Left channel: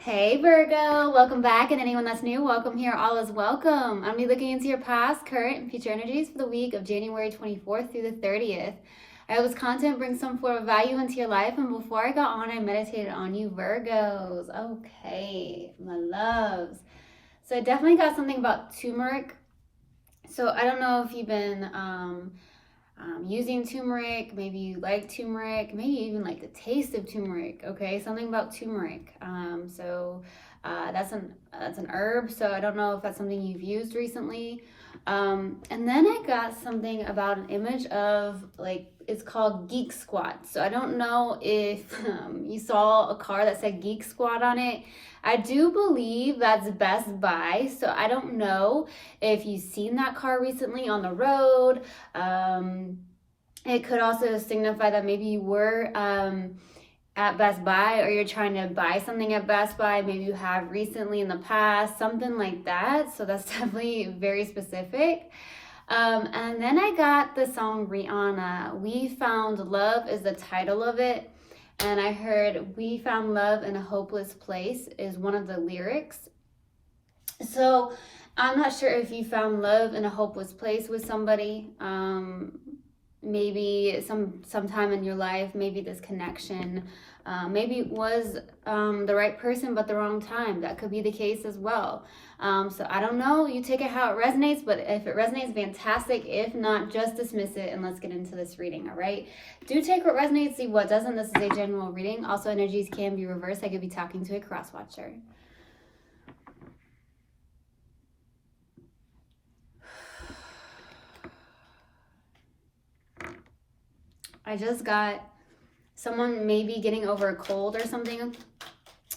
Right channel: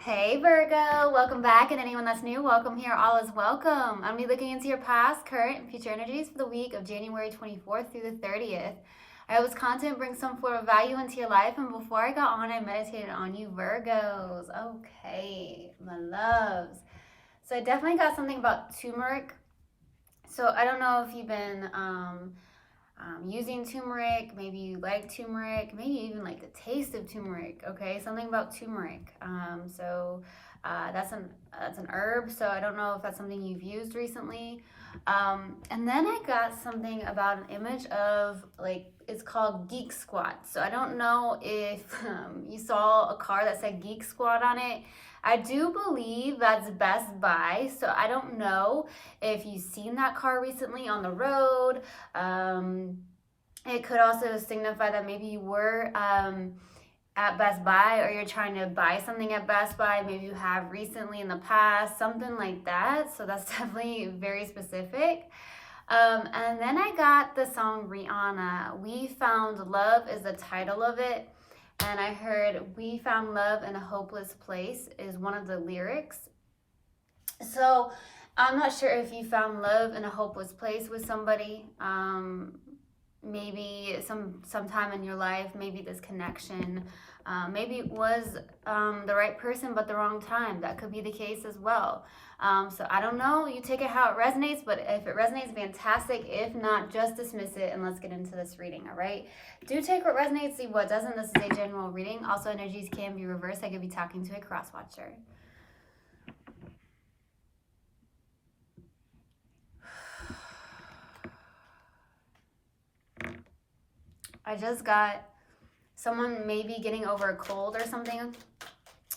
Hey Virgo, welcome back, and anyone that's new, welcome here. All is welcome. I'm gonna be looking into your past, current, and future energies for the week of January 24th through the 30th. I hope this content brings some form of value into your life, and before I got on, I meditated on you Virgos. Okay, my loves. So I definitely got something about turmeric. So I don't know if you've been using turmeric. Maybe you like turmeric. Maybe you even like the taste of turmeric. Okay, something about turmeric. That's an herb. So I don't know if that's something you've used recently. And then I got something about an image of like it's called Geek Squad. So I don't know if you saw a car that said Geek Squad on it. I do believe that's Best Buy. So I don't know if you've seen that car recently on the road. It could also signify that maybe you were at Best Buy, or you're trying to buy something at Best Buy. Maybe you have recently in the past, something like that. So that's definitely very specific. And then I got the song Rihanna, We Found Love is the title of it. And I heard We Found Love in a Hopeless Place is one of the lyrics. So I'm not sure if you found love in a hopeless place with somebody. Maybe sometime in your life, maybe this connection, maybe it was the right person but the wrong time. That could be the case as well. So I don't know. You take it how it resonates, but if it resonates, fantastic. If not, just dismiss it and let's get into this reading. All right. Do take what resonates, see what doesn't. This is a general reading. Also, energies can be reversed. I could be talking to a cross watcher. I just got someone maybe getting over a cold or something.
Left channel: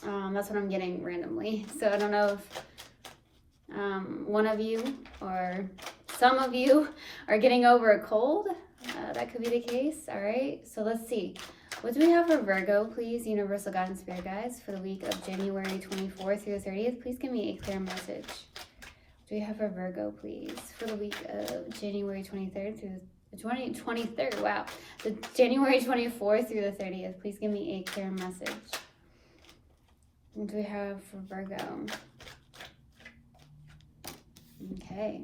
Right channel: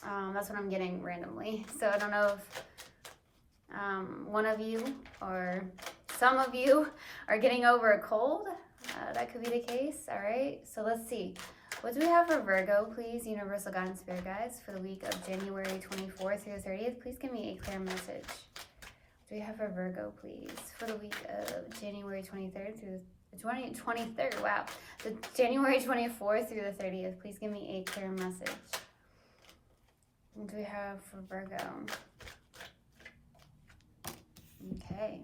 That's what I'm getting randomly. So I don't know if one of you or some of you are getting over a cold. That could be the case. All right. So let's see. What do we have for Virgo, please? Universal Guidance Spirit Guides for the week of January 24th through the 30th. Please give me a clear message. What do we have for Virgo, please, for the week of January 23rd through the 23rd, wow. The January 24th through the 30th. Please give me a clear message. What do we have for Virgo? Okay.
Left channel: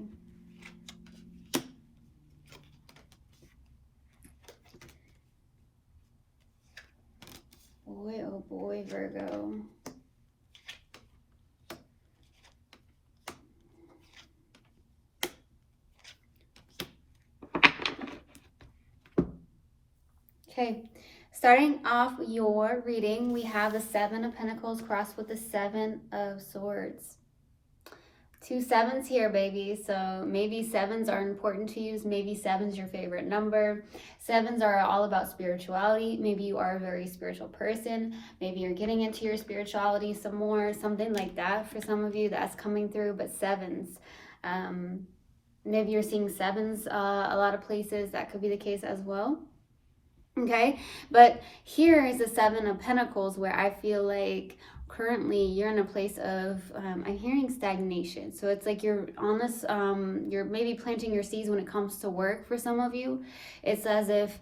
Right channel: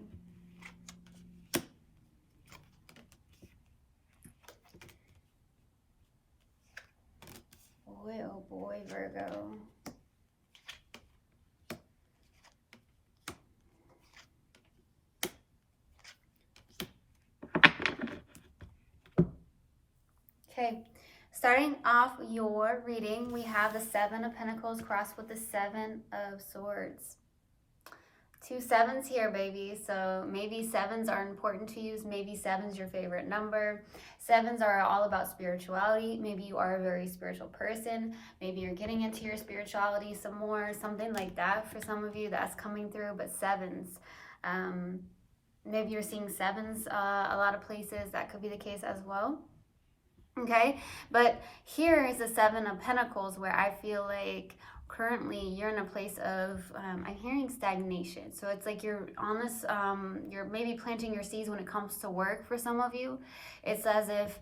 Boy, oh boy, Virgo. Okay, starting off your reading, we have the Seven of Pentacles crossed with the Seven of Swords. 2 sevens here, baby. So maybe sevens are important to you. Maybe seven's your favorite number. Sevens are all about spirituality. Maybe you are a very spiritual person. Maybe you're getting into your spirituality some more, something like that. For some of you, that's coming through. But sevens, maybe you're seeing sevens a lot of places. That could be the case as well. Okay, but here is the Seven of Pentacles, where I feel like currently you're in a place of I'm hearing stagnation. So it's like you're on this you're maybe planting your seeds when it comes to work. For some of you, it's as if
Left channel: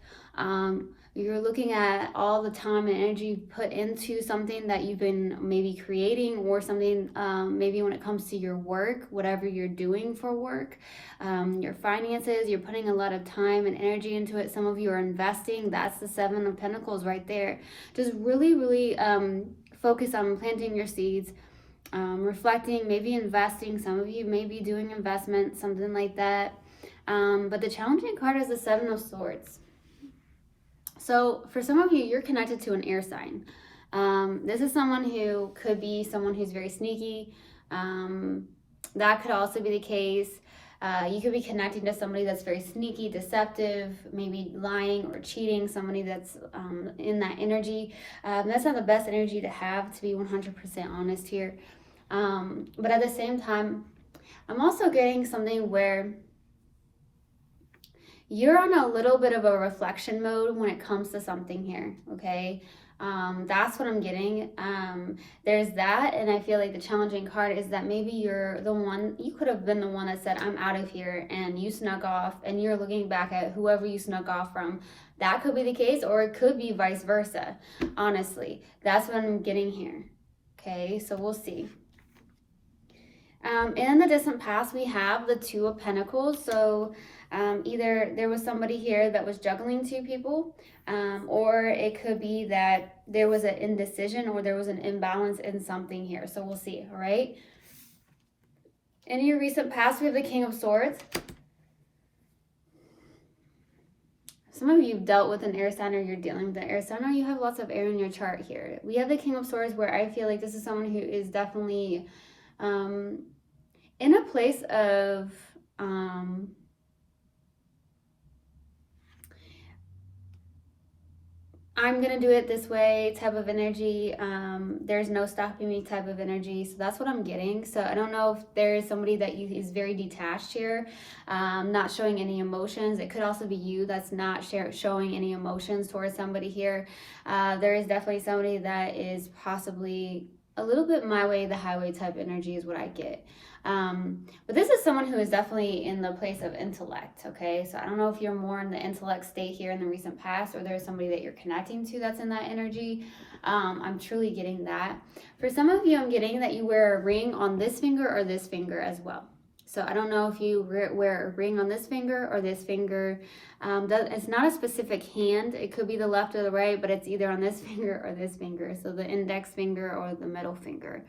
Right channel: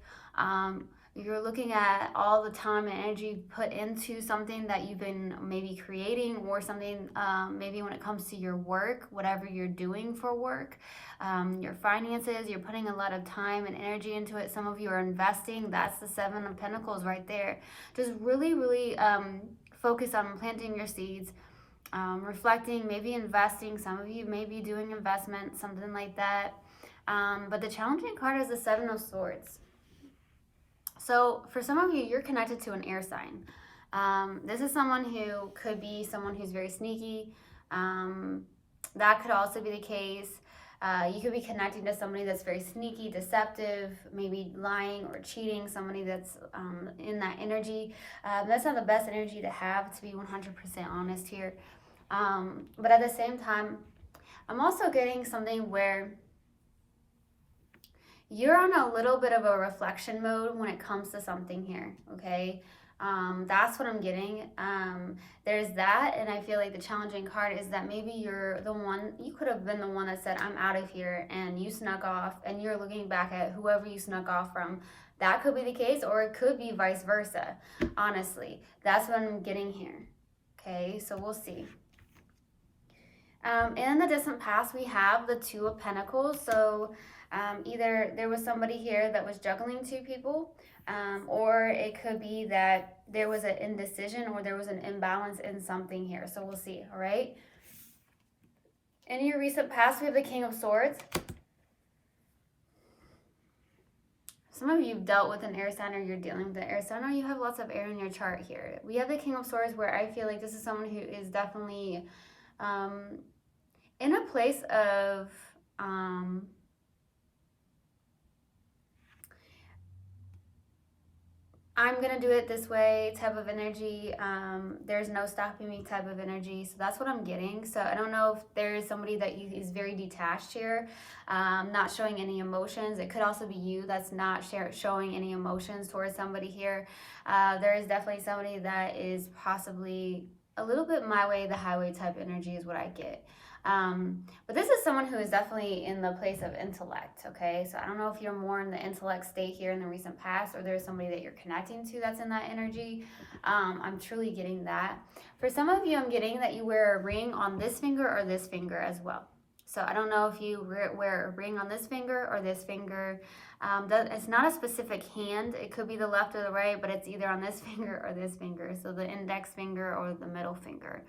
you're looking at all the time and energy put into something that you've been maybe creating, or something maybe when it comes to your work, whatever you're doing for work, your finances, you're putting a lot of time and energy into it. Some of you are investing. That's the Seven of Pentacles right there. Just really focus on planting your seeds, reflecting, maybe investing. Some of you may be doing investment, something like that. But the challenging card is the Seven of Swords. So for some of you, you're connected to an air sign. This is someone who could be someone who's very sneaky. That could also be the case. You could be connecting to somebody that's very sneaky, deceptive, maybe lying or cheating, somebody that's in that energy. That's not the best energy to have, to be 100% honest here. But at the same time, I'm also getting something where you're on a little bit of a reflection mode when it comes to something here, okay? That's what I'm getting. There's that, and I feel like the challenging card is that maybe you're the one, you could have been the one that said, I'm out of here, and you snuck off, and you're looking back at whoever you snuck off from. That could be the case, or it could be vice versa, honestly. That's what I'm getting here, Okay, so we'll see. In the distant past, we have the Two of Pentacles. So either there was somebody here that was juggling two people, or it could be that there was an indecision or there was an imbalance in something here. So we'll see, all right? In your recent past, we have the King of Swords. Some of you have dealt with an air sign, or you're dealing with an air sign, or you have lots of air in your chart here. We have the King of Swords, where I feel like this is someone who is definitely in a place of I'm gonna do it this way type of energy. There's no stopping me type of energy. So that's what I'm getting. So I don't know if there's somebody that is very detached here, not showing any emotions. It could also be you that's not showing any emotions towards somebody here. There is definitely somebody that is possibly a little bit my way, the highway type energy is what I get. But this is someone who is definitely in the place of intellect, okay? So I don't know if you're more in the intellect state here in the recent past, or there's somebody that you're connecting to that's in that energy. I'm truly getting that. For some of you, I'm getting that you wear a ring on this finger or this finger as well. So I don't know if you wear a ring on this finger or this finger. It's not a specific hand. It could be the left or the right, but it's either on this finger or this finger. So the index finger or the middle finger.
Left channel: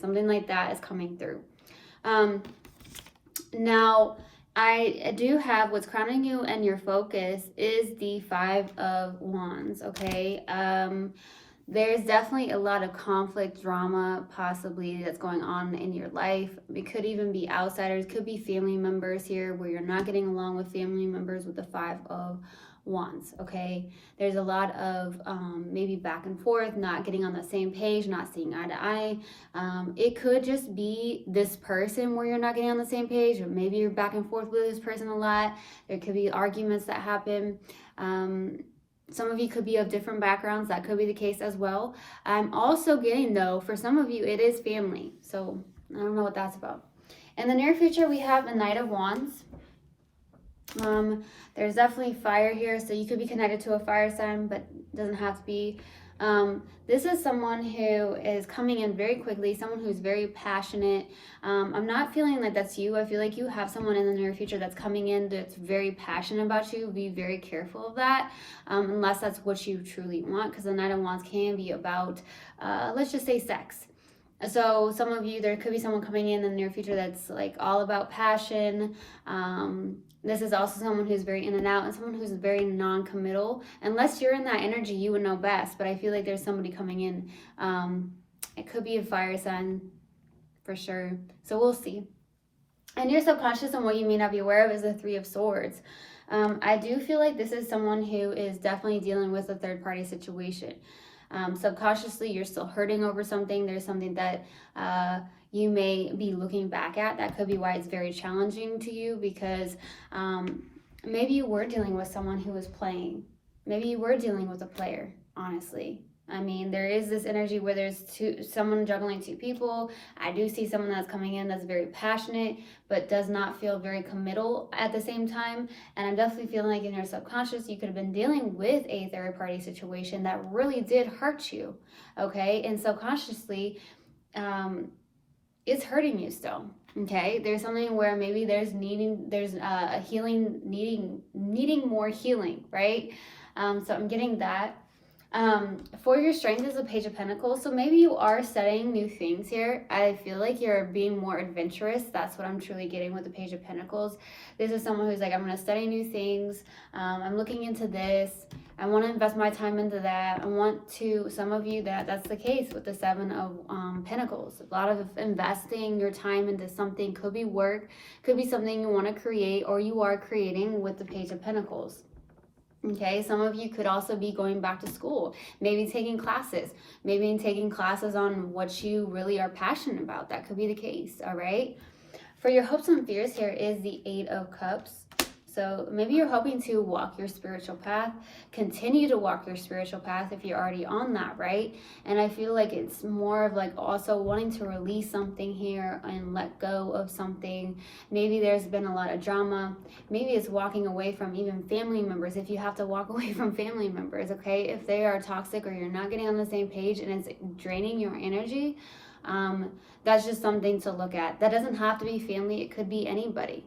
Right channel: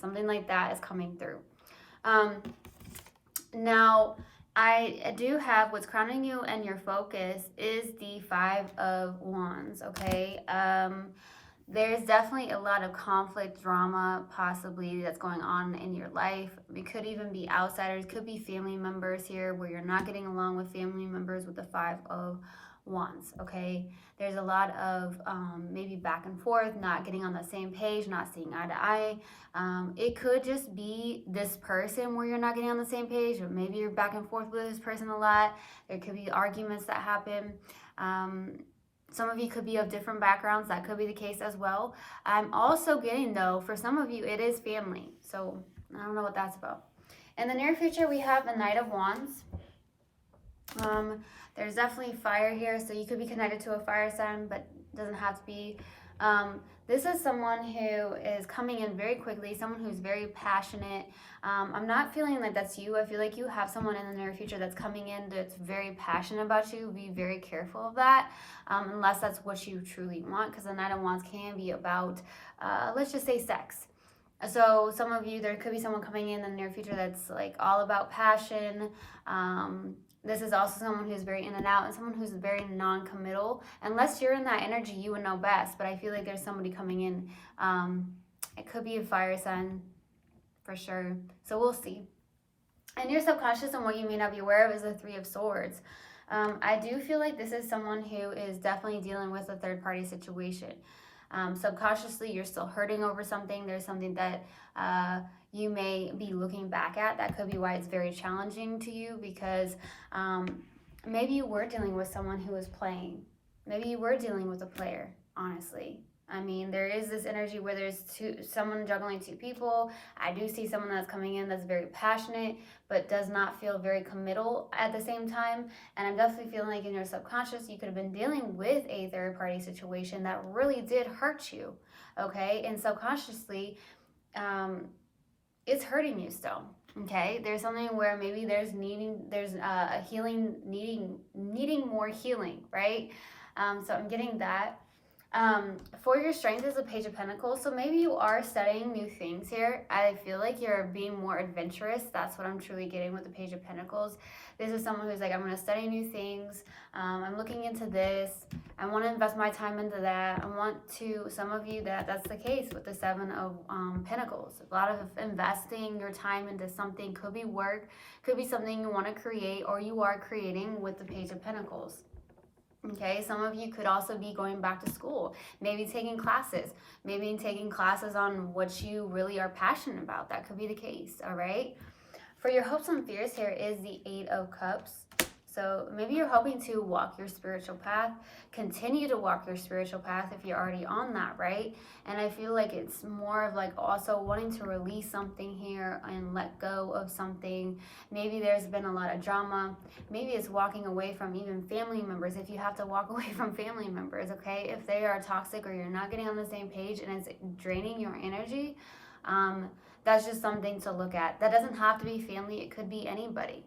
Something like that is coming through. Now, I do have what's crowning you and your focus is the Five of Wands, okay? There's definitely a lot of conflict, drama, possibly that's going on in your life. It could even be outsiders, could be family members here where you're not getting along with family members with the Five of Wands, okay? There's a lot of maybe back and forth, not getting on the same page, not seeing eye to eye. It could just be this person where you're not getting on the same page, or maybe you're back and forth with this person a lot. There could be arguments that happen. Some of you could be of different backgrounds. That could be the case as well. I'm also getting, though, for some of you, it is family. So I don't know what that's about. In the near future, we have the Knight of Wands. There's definitely fire here, so you could be connected to a fire sign, but doesn't have to be. This is someone who is coming in very quickly, someone who's very passionate. I'm not feeling like that's you. I feel like you have someone in the near future that's coming in that's very passionate about you. Be very careful of that, unless that's what you truly want, because the Knight of Wands can be about, let's just say, sex. So some of you, there could be someone coming in the near future that's like all about passion. This is also someone who's very in and out, and someone who's very non-committal. Unless you're in that energy, you would know best. But I feel like there's somebody coming in. It could be a fire sign for sure. So we'll see. And your subconscious and what you may not be aware of is the Three of Swords. I do feel like this is someone who is definitely dealing with a third-party situation. Subconsciously, you're still hurting over something. There's something that you may be looking back at. That could be why it's very challenging to you, because maybe you were dealing with someone who was playing. Maybe you were dealing with a player, honestly. I mean, there is this energy where there's someone juggling two people. I do see someone that's coming in that's very passionate, but does not feel very committal at the same time. And I'm definitely feeling like in your subconscious, you could have been dealing with a third party situation that really did hurt you, okay? And subconsciously, it's hurting you still, okay? There's something where maybe there's a healing, needing more healing, right? So I'm getting that. For your strength is a Page of Pentacles, so maybe you are studying new things here. I feel like you're being more adventurous. That's what I'm truly getting with the Page of Pentacles. This is someone who's like, I'm going to study new things. I'm looking into this. I want to invest my time into that. I want to, some of you, that's the case with the Seven of Pentacles. A lot of investing your time into something, could be work, could be something you want to create, or you are creating with the Page of Pentacles. Okay, some of you could also be going back to school, maybe taking classes on what you really are passionate about. That could be the case, all right? For your hopes and fears, here is the Eight of Cups. So maybe you're hoping to walk your spiritual path, continue to walk your spiritual path if you're already on that, right? And I feel like it's more of like also wanting to release something here and let go of something. Maybe there's been a lot of drama. Maybe it's walking away from even family members, if you have to walk away from family members, okay? If they are toxic or you're not getting on the same page and it's draining your energy, That's just something to look at. That doesn't have to be family. It could be anybody.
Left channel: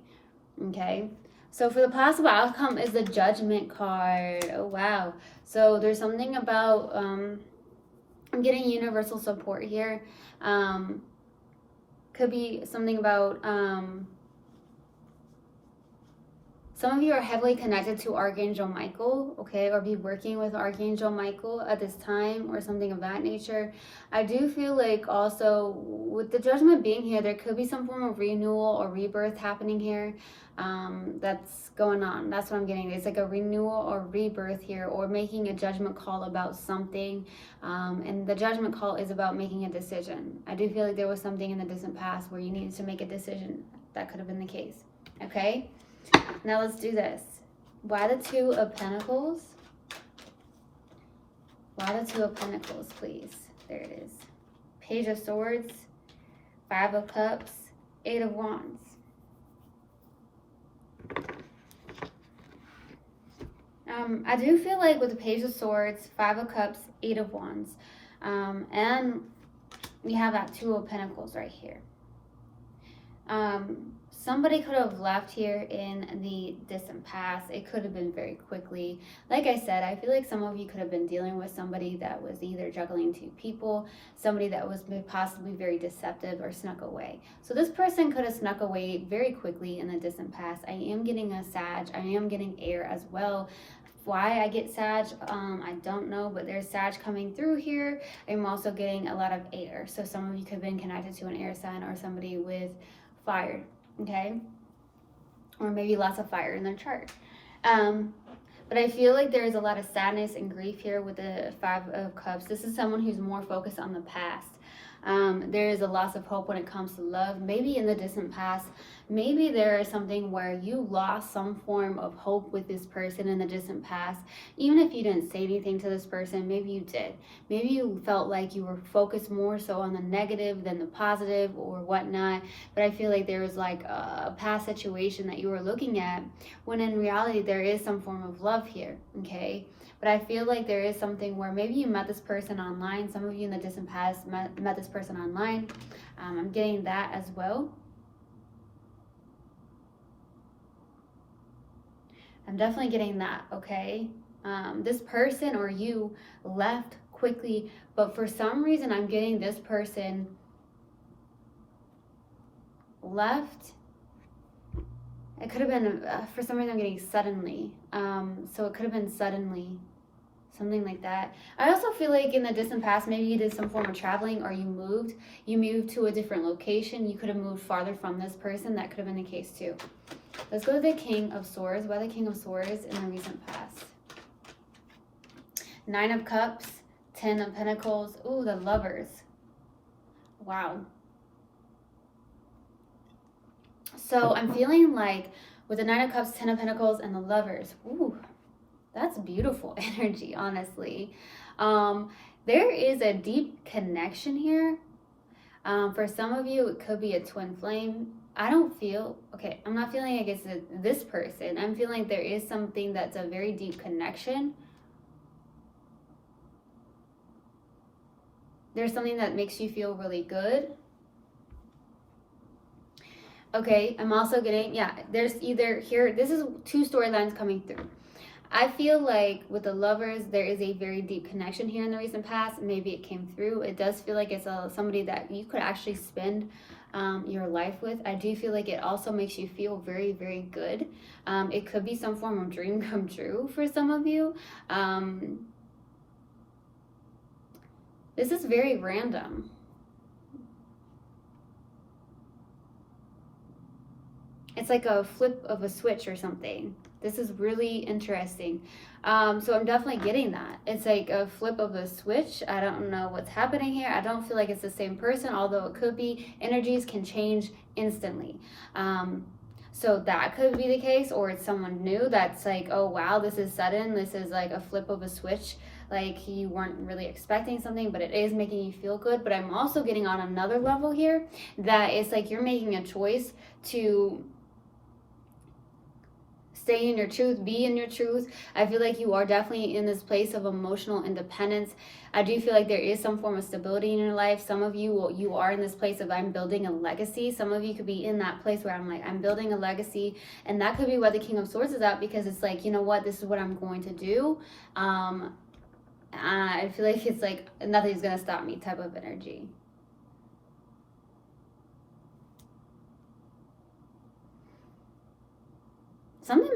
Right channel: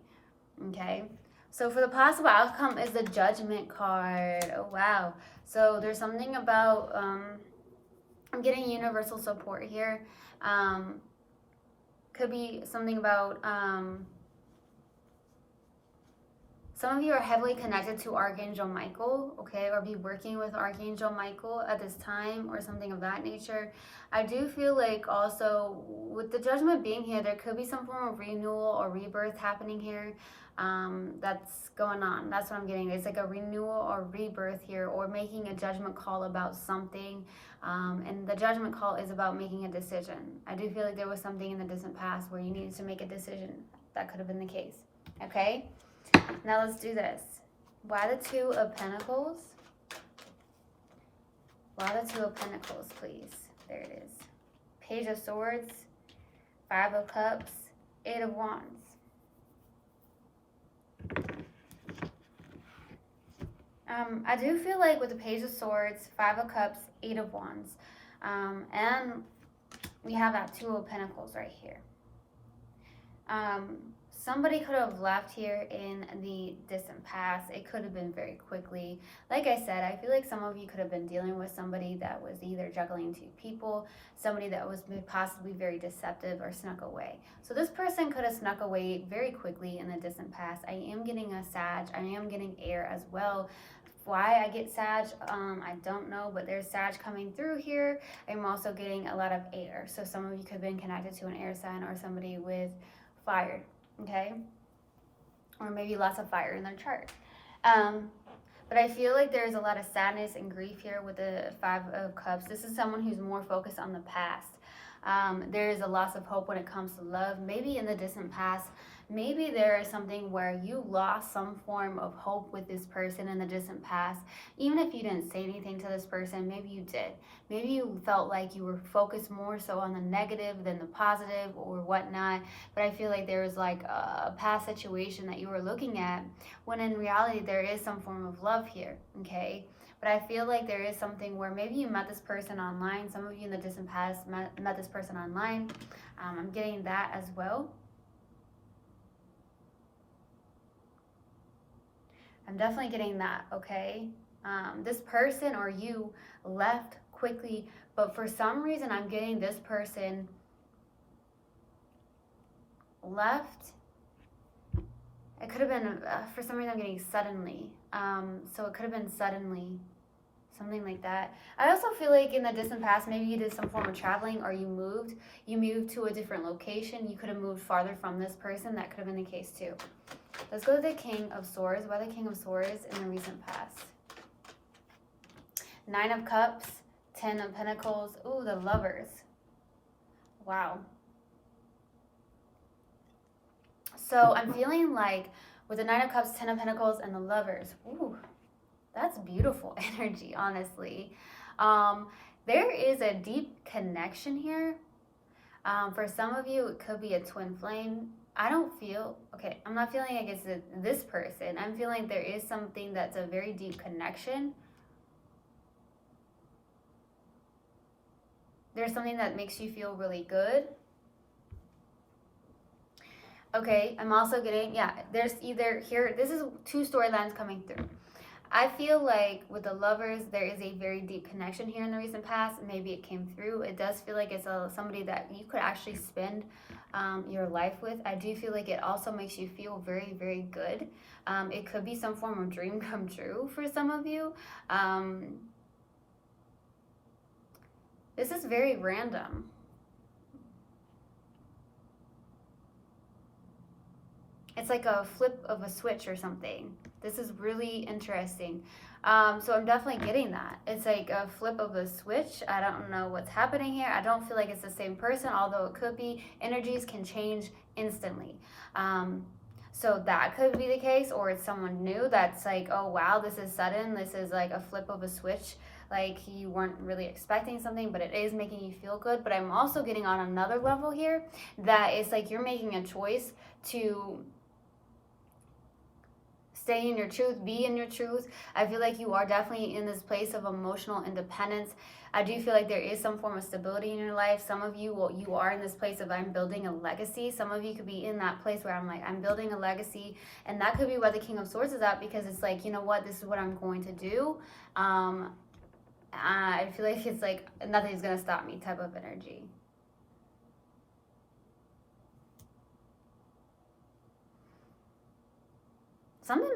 Okay. So for the possible outcome is the Judgment card. Oh, wow. So there's something about, I'm getting universal support here. Could be something about, some of you are heavily connected to Archangel Michael, okay, or be working with Archangel Michael at this time or something of that nature. I do feel like also with the Judgment being here, there could be some form of renewal or rebirth happening here. That's going on. That's what I'm getting. It's like a renewal or rebirth here, or making a judgment call about something. And the judgment call is about making a decision. I do feel like there was something in the distant past where you needed to make a decision. That could have been the case. Okay? Now let's do this. Why the Two of Pentacles? Why the Two of Pentacles, please? There it is. Page of Swords, Five of Cups, Eight of Wands. I do feel like with the Page of Swords, Five of Cups, Eight of Wands, and we have that Two of Pentacles right here. Somebody could have left here in the distant past. It could have been very quickly. Like I said, I feel like some of you could have been dealing with somebody that was either juggling two people, somebody that was possibly very deceptive or snuck away. So this person could have snuck away very quickly in the distant past. I am getting a Sag. I am getting air as well. Why I get Sag, I don't know, but there's Sag coming through here. I'm also getting a lot of air. So some of you could have been connected to an air sign or somebody with fire. Okay, or maybe lots of fire in their chart. But I feel like there's a lot of sadness and grief here with the Five of Cups. This is someone who's more focused on the past. There is a loss of hope when it comes to love. Maybe in the distant past, maybe there is something where you lost some form of hope with this person in the distant past. Even if you didn't say anything to this person, maybe you did. Maybe you felt like you were focused more so on the negative than the positive or whatnot. But I feel like there was like a past situation that you were looking at, when in reality there is some form of love here, okay? But I feel like there is something where maybe you met this person online. Some of you in the distant past met this person online. I'm getting that as well. I'm definitely getting that, okay? This person or you left quickly, but for some reason I'm getting this person left. It could have been, for some reason I'm getting suddenly. So it could have been suddenly, something like that. I also feel like in the distant past, maybe you did some form of traveling or you moved to a different location. You could have moved farther from this person. That could have been the case too. Let's go to the King of Swords. Why the King of Swords in the recent past? Nine of Cups, Ten of Pentacles. Ooh, the Lovers. Wow. So I'm feeling like with the Nine of Cups, Ten of Pentacles, and the Lovers, ooh, that's beautiful energy, honestly. There is a deep connection here. For some of you, it could be a twin flame. I don't feel, okay, I'm not feeling like it's this person. I'm feeling there is something that's a very deep connection. There's something that makes you feel really good. Okay, I'm also getting, yeah, there's either here, this is two storylines coming through. I feel like with the Lovers, there is a very deep connection here in the recent past. Maybe it came through. It does feel like it's somebody that you could actually spend your life with. I do feel like it also makes you feel very, very good. It could be some form of dream come true for some of you. This is very random. It's like a flip of a switch or something. This is really interesting. So I'm definitely getting that. It's like a flip of a switch. I don't know what's happening here. I don't feel like it's the same person, although it could be. Energies can change instantly. So that could be the case, or it's someone new that's like, oh wow, this is sudden. This is like a flip of a switch. Like you weren't really expecting something, but it is making you feel good. But I'm also getting on another level here that it's like you're making a choice to stay in your truth, be in your truth. I feel like you are definitely in this place of emotional independence. I do feel like there is some form of stability in your life. Some of you, well, you are in this place of I'm building a legacy. Some of you could be in that place where I'm like, I'm building a legacy. And that could be why the King of Swords is out, because it's like, you know what, this is what I'm going to do. I feel like it's like nothing's going to stop me type of energy. Something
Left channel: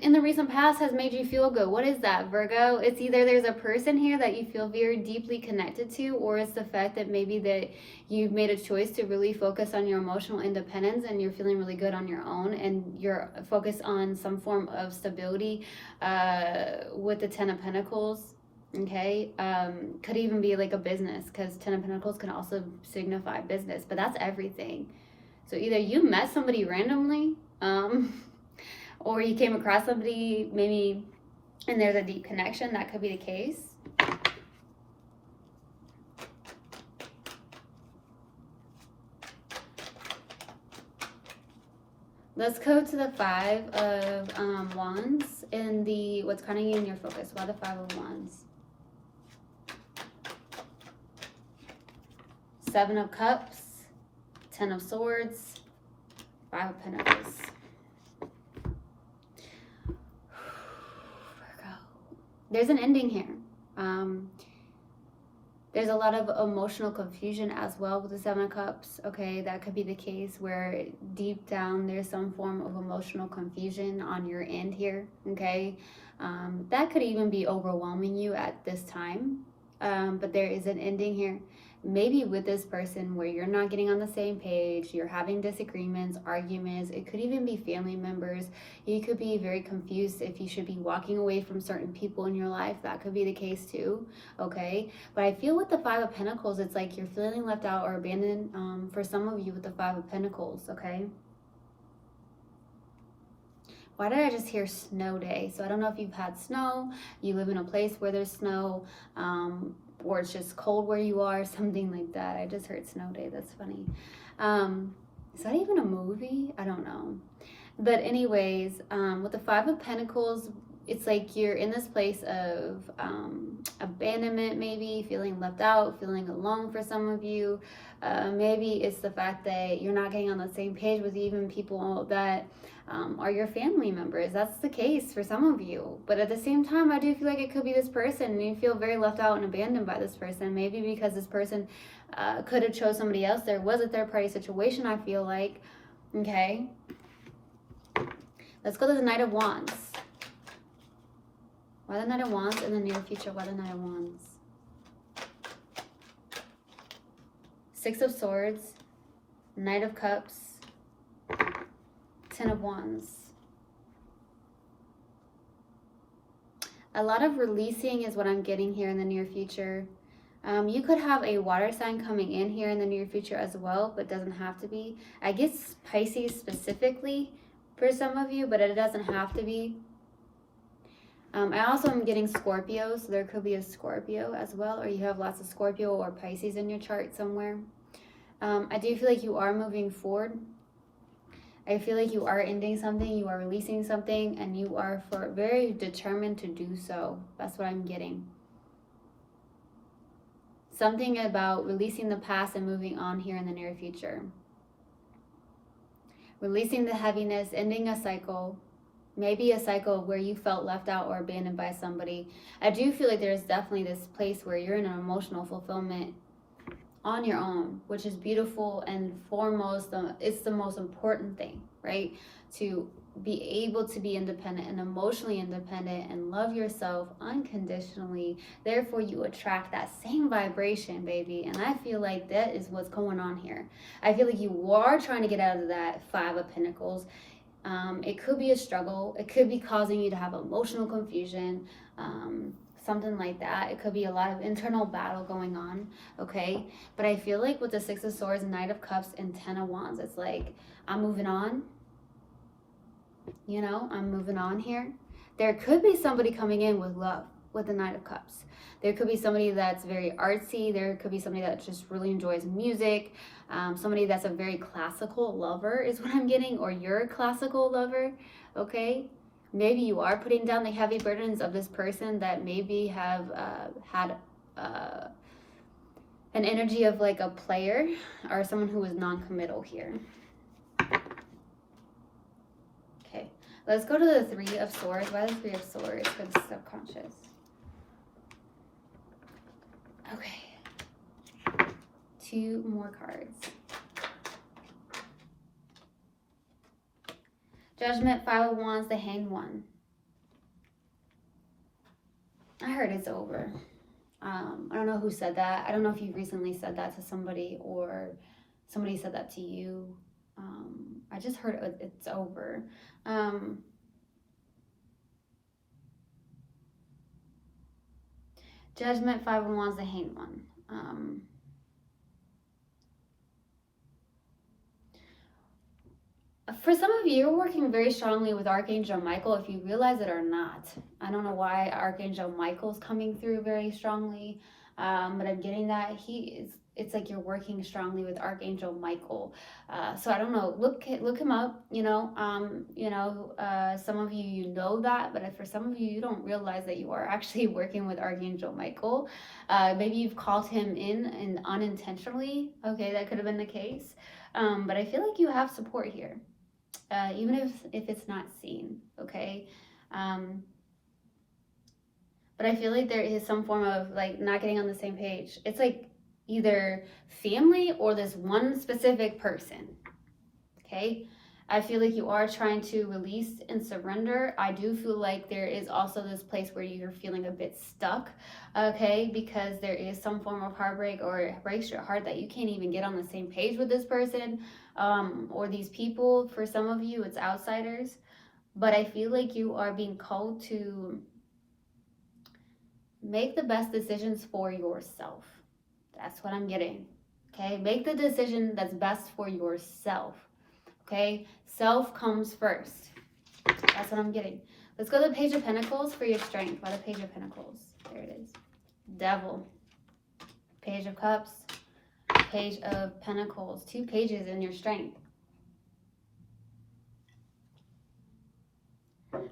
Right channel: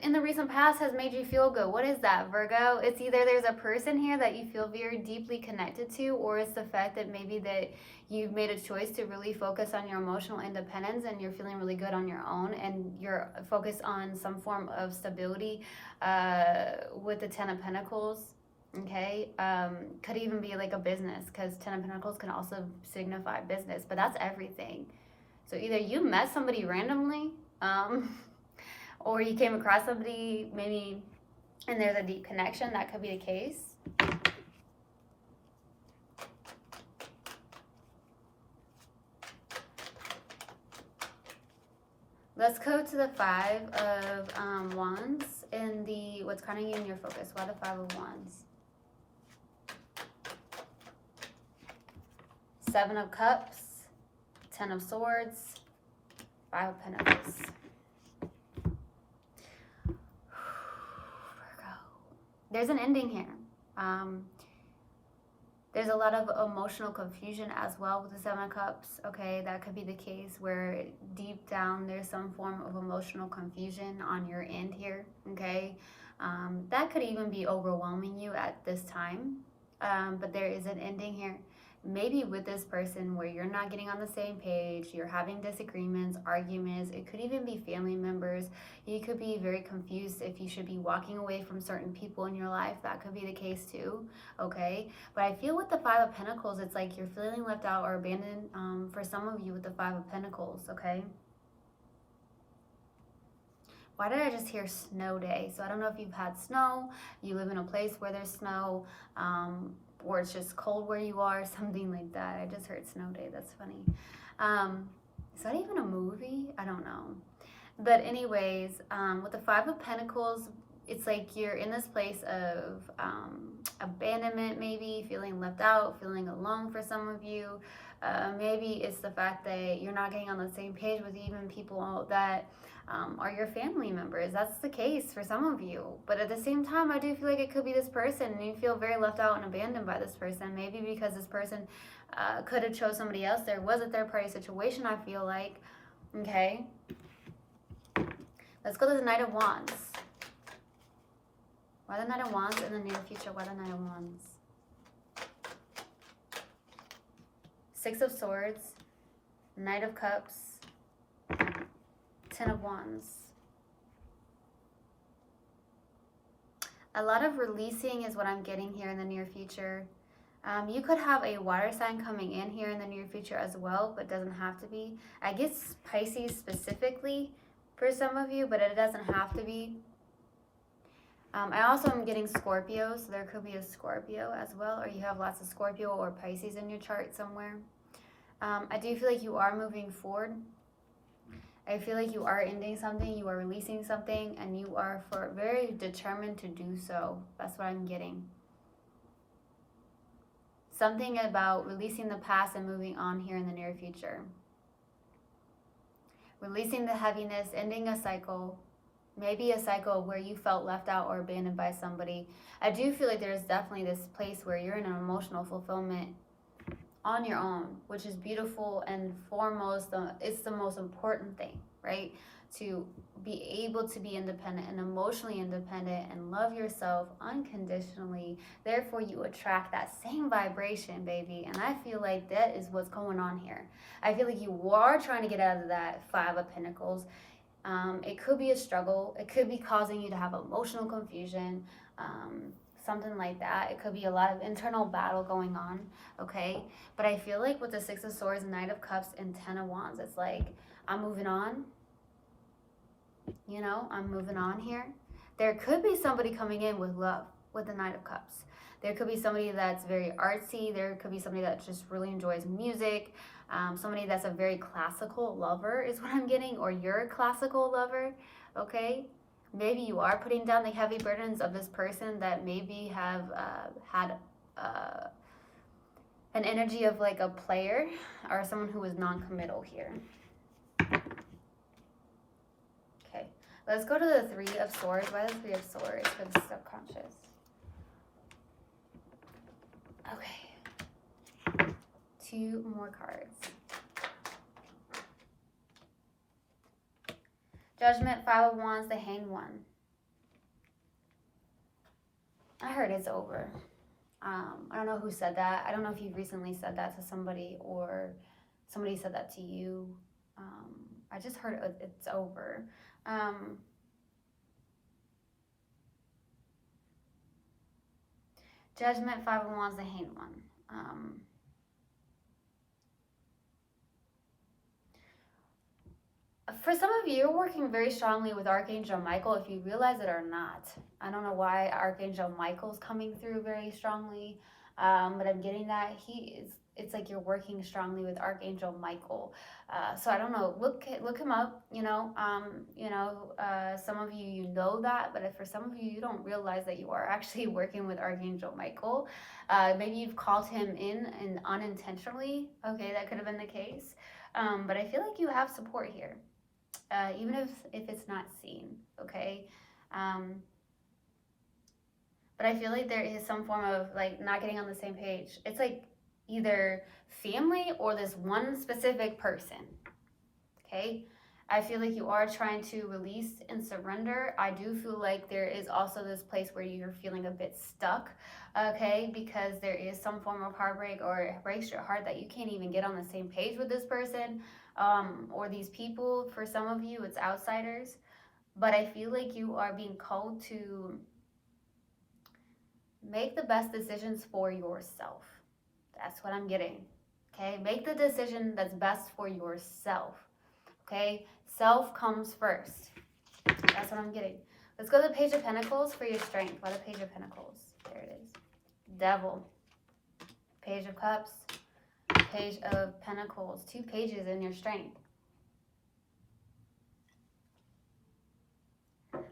in the recent past has made you feel good. What is that, Virgo? It's either there's a person here that you feel very deeply connected to, or it's the fact that maybe that you've made a choice to really focus on your emotional independence and you're feeling really good on your own, and you're focused on some form of stability with the Ten of Pentacles. Okay, could even be like a business, because Ten of Pentacles can also signify business, but that's everything. So either you met somebody randomly, or you came across somebody maybe and there's a deep connection. That could be the case. Let's go to the Five of Wands and the what's kind of you in your focus. Why the Five of Wands? Seven of Cups, Ten of Swords, Five of Pentacles. There's an ending here. There's a lot of emotional confusion as well with the Seven of Cups. Okay, that could be the case where deep down there's some form of emotional confusion on your end here. Okay, that could even be overwhelming you at this time. But there is an ending here. Maybe with this person where you're not getting on the same page, you're having disagreements, arguments. It could even be family members. You could be very confused if you should be walking away from certain people in your life. That could be the case too, okay? But I feel with the Five of Pentacles, it's like you're feeling left out or abandoned for some of you with the Five of Pentacles, okay? Why did I just hear snow day? So I don't know if you've had snow, you live in a place where there's snow, or it's just cold where you are, something like that. I just heard snow day. That's funny. Is that even a movie? I don't know. But anyways, with the Five of Pentacles, it's like you're in this place of abandonment, maybe feeling left out, feeling alone for some of you. Maybe it's the fact that you're not getting on the same page with even people that are your family members. That's the case for some of you. But at the same time, I do feel like it could be this person and you feel very left out and abandoned by this person. Maybe because this person could have chose somebody else. There was a third party situation, I feel like. Okay. Let's go to the Knight of Wands. Why the Knight of Wands in the near future? Why the Knight of Wands? Six of Swords, Knight of Cups, Ten of Wands. A lot of releasing is what I'm getting here in the near future. You could have a water sign coming in here in the near future as well, but doesn't have to be. I guess Pisces specifically for some of you, but it doesn't have to be. I also am getting Scorpio, so there could be a Scorpio as well, or you have lots of Scorpio or Pisces in your chart somewhere. I do feel like you are moving forward. I feel like you are ending something, you are releasing something, and you are very determined to do so. That's what I'm getting. Something about releasing the past and moving on here in the near future. Releasing the heaviness, ending a cycle. Maybe a cycle where you felt left out or abandoned by somebody. I do feel like there's definitely this place where you're in an emotional fulfillment on your own, which is beautiful, and foremost, it's the most important thing, right? To be able to be independent and emotionally independent and love yourself unconditionally. Therefore, you attract that same vibration, baby. And I feel like that is what's going on here. I feel like you are trying to get out of that Five of Pentacles. It could be a struggle. It could be causing you to have emotional confusion, something like that. It could be a lot of internal battle going on, okay? But I feel like with the Six of Swords, Knight of Cups, and Ten of Wands, it's like, I'm moving on. You know, I'm moving on here. There could be somebody coming in with love with the Knight of Cups. There could be somebody that's very artsy. There could be somebody that just really enjoys music. Somebody that's a very classical lover is what I'm getting, or you're a classical lover, okay? maybe you are putting down the heavy burdens of this person that maybe have had an energy of like a player or someone who is non-committal here. Okay, let's go to the Three of Swords. Why the Three of Swords for the subconscious? Okay, 2 more cards. Judgment, Five of Wands, the Hanged One. I heard it's over. I don't know who said that. I don't know if you recently said that to somebody or somebody said that to you. I just heard it's over. Judgment, Five of Wands, the Hanged One. For some of you, you're working very strongly with Archangel Michael, if you realize it or not. I don't know why Archangel Michael's coming through very strongly, but I'm getting that it's like you're working strongly with Archangel Michael. So I don't know. Look him up. Some of you know that, but for some of you, you don't realize that you are actually working with Archangel Michael. Maybe you've called him in and unintentionally. Okay, that could have been the case. But I feel like you have support here. Even if it's not seen, okay? But I feel like there is some form of like not getting on the same page. It's like either family or this one specific person, okay? I feel like you are trying to release and surrender. I do feel like there is also this place where you're feeling a bit stuck, okay? Because there is some form of heartbreak or it breaks your heart that you can't even get on the same page with this person or these people. For some of you, it's outsiders. But I feel like you are being called to make the best decisions for yourself. That's what I'm getting, okay? Make the decision that's best for yourself, okay? Self comes first. That's what I'm getting. Let's go to the Page of Pentacles for your strength. Why the Page of Pentacles? There it is. Devil. Page of Cups. Page of Pentacles. 2 pages in your strength.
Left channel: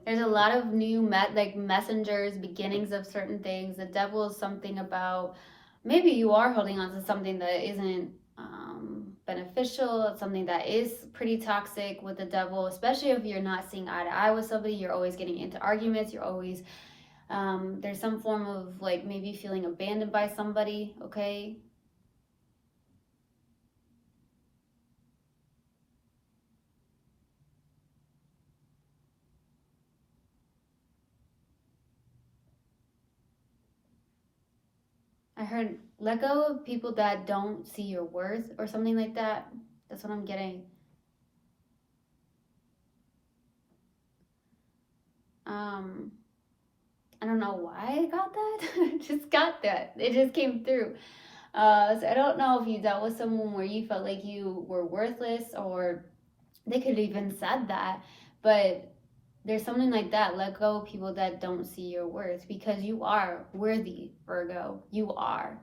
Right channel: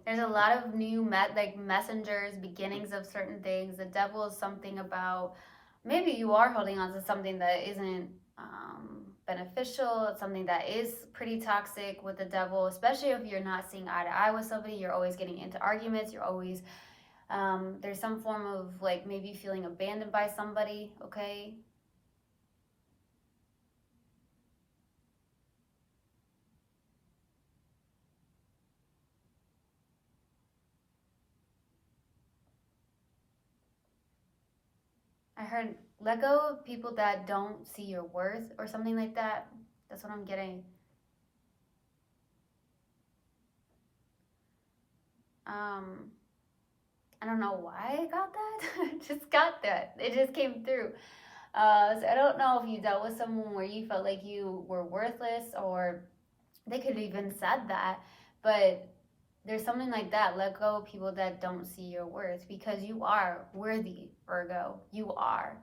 There's a lot of new messengers, beginnings of certain things. The Devil is something about maybe you are holding on to something that isn't beneficial. It's something that is pretty toxic with the Devil, especially if you're not seeing eye to eye with somebody. You're always getting into arguments. You're always there's some form of like maybe feeling abandoned by somebody, okay? I heard let go of people that don't see your worth or something like that. That's what I'm getting. I don't know why I got that. Just got that. It just came through. So I don't know if you dealt with someone where you felt like you were worthless, or they could have even said that, but there's something like that. Let go of people that don't see your worth, because you are worthy, Virgo. You are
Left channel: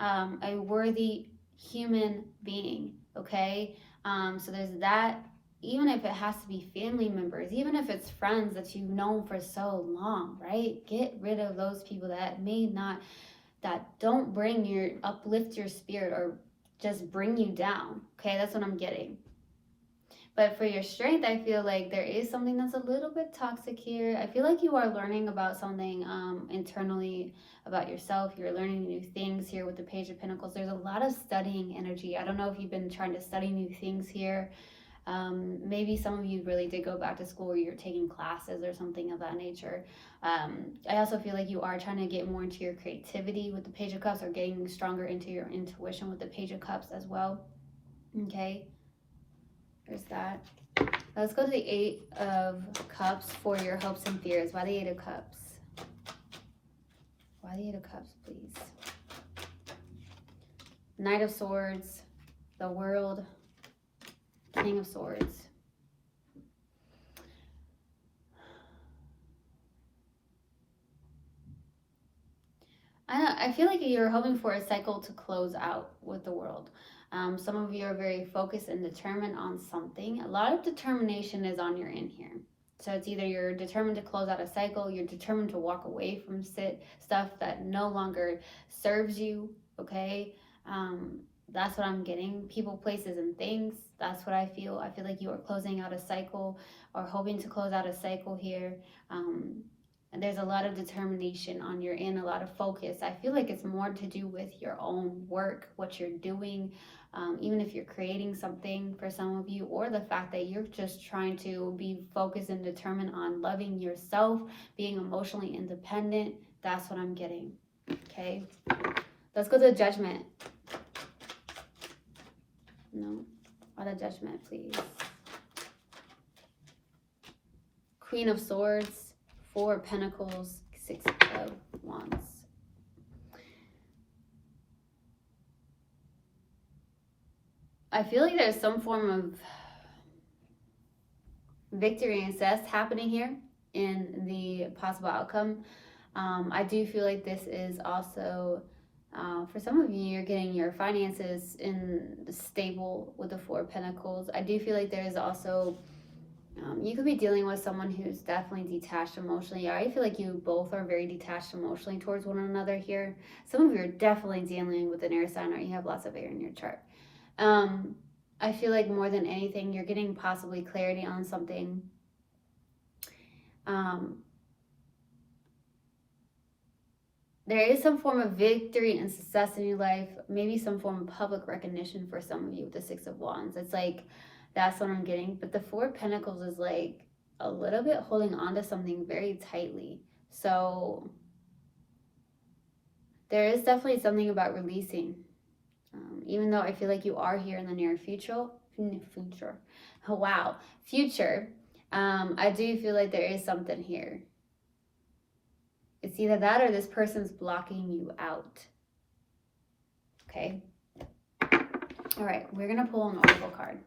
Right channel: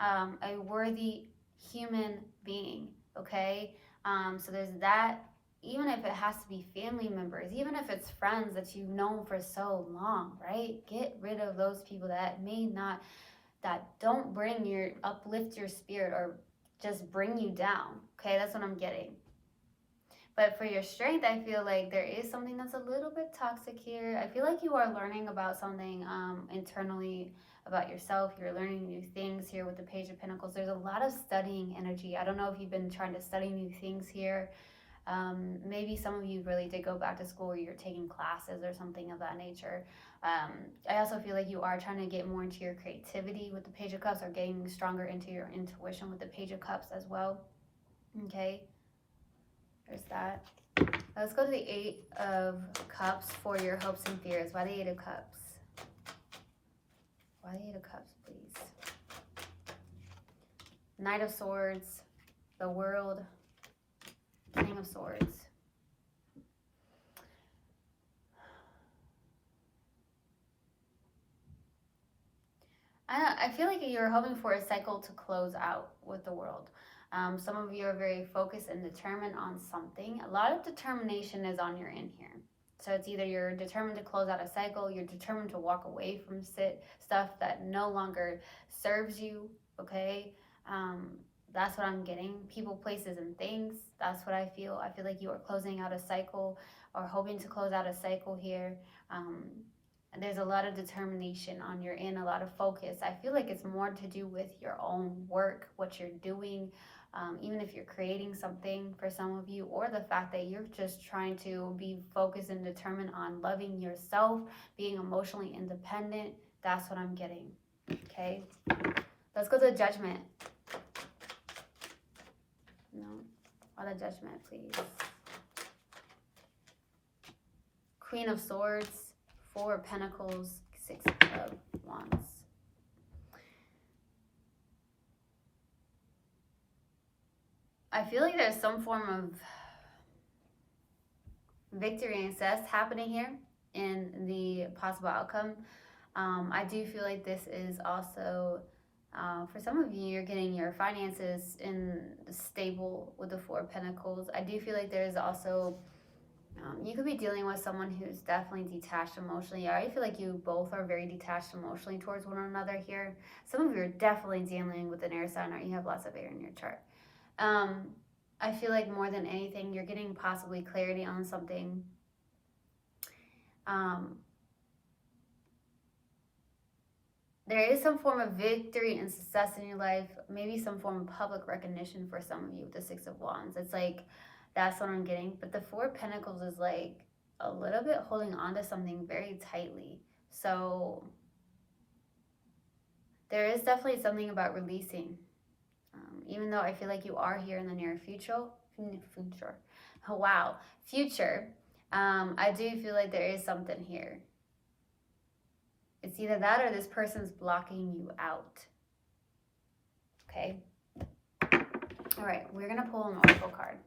a worthy human being, okay? So there's that. Even if it has to be family members, even if it's friends that you've known for so long, right? Get rid of those people that may not, that don't uplift your spirit or just bring you down, okay? That's what I'm getting. But for your strength, I feel like there is something that's a little bit toxic here. I feel like you are learning about something internally about yourself. You're learning new things here with the Page of Pentacles. There's a lot of studying energy. I don't know if you've been trying to study new things here. Maybe some of you really did go back to school, or you're taking classes or something of that nature. I also feel like you are trying to get more into your creativity with the Page of Cups, or getting stronger into your intuition with the Page of Cups as well. Okay. There's that. Let's go to the Eight of Cups for your hopes and fears. Why the Eight of Cups? Why the Eight of Cups, please? Knight of Swords, the World, King of Swords. I feel like you're hoping for a cycle to close out with the World. Some of you are very focused and determined on something. A lot of determination is on your end here. So it's either you're determined to close out a cycle, you're determined to walk away from stuff that no longer serves you, okay? That's what I'm getting. People, places, and things. That's what I feel. I feel like you are closing out a cycle or hoping to close out a cycle here. And there's a lot of determination on your end, a lot of focus. I feel like it's more to do with your own work, what you're doing, even if you're creating something for some of you, or the fact that you're just trying to be focused and determined on loving yourself, being emotionally independent. That's what I'm getting. Okay, let's go to Judgment. No, or the Judgment, please. Queen of Swords, Four of Pentacles, Six of Wands. I feel like there's some form of victory and success happening here in the possible outcome. I do feel like this is also, for some of you, you're getting your finances in stable with the Four of Pentacles. I do feel like there's also, you could be dealing with someone who's definitely detached emotionally. I feel like you both are very detached emotionally towards one another here. Some of you are definitely dealing with an air sign, or you have lots of air in your chart. I feel like more than anything, you're getting possibly clarity on something. There is some form of victory and success in your life, maybe some form of public recognition for some of you with the Six of Wands. It's like, that's what I'm getting. But the Four of Pentacles is like a little bit holding on to something very tightly. So there is definitely something about releasing. Even though I feel like you are here in the near future. Oh, wow. Future. I do feel like there is something here. It's either that or this person's blocking you out. Okay. All right. We're going to pull an oracle card.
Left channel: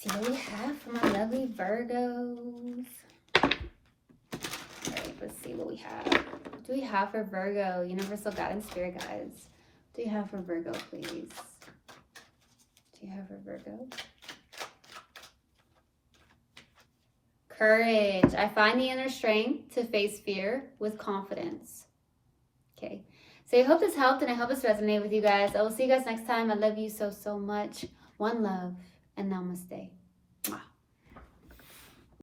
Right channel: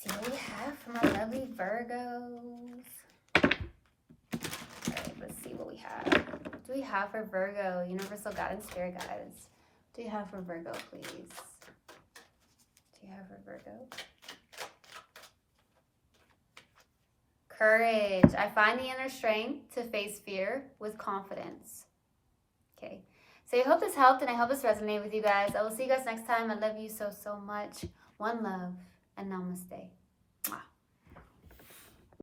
See what we have for my lovely Virgos. All right. Let's see what we have. What do we have for Virgo? Universal Guidance, Spirit Guides. What do you have for Virgo, please? Do you have for Virgo? Courage. I find the inner strength to face fear with confidence. Okay. So I hope this helped and I hope this resonated with you guys. I will see you guys next time. I love you so, so much. One love and namaste.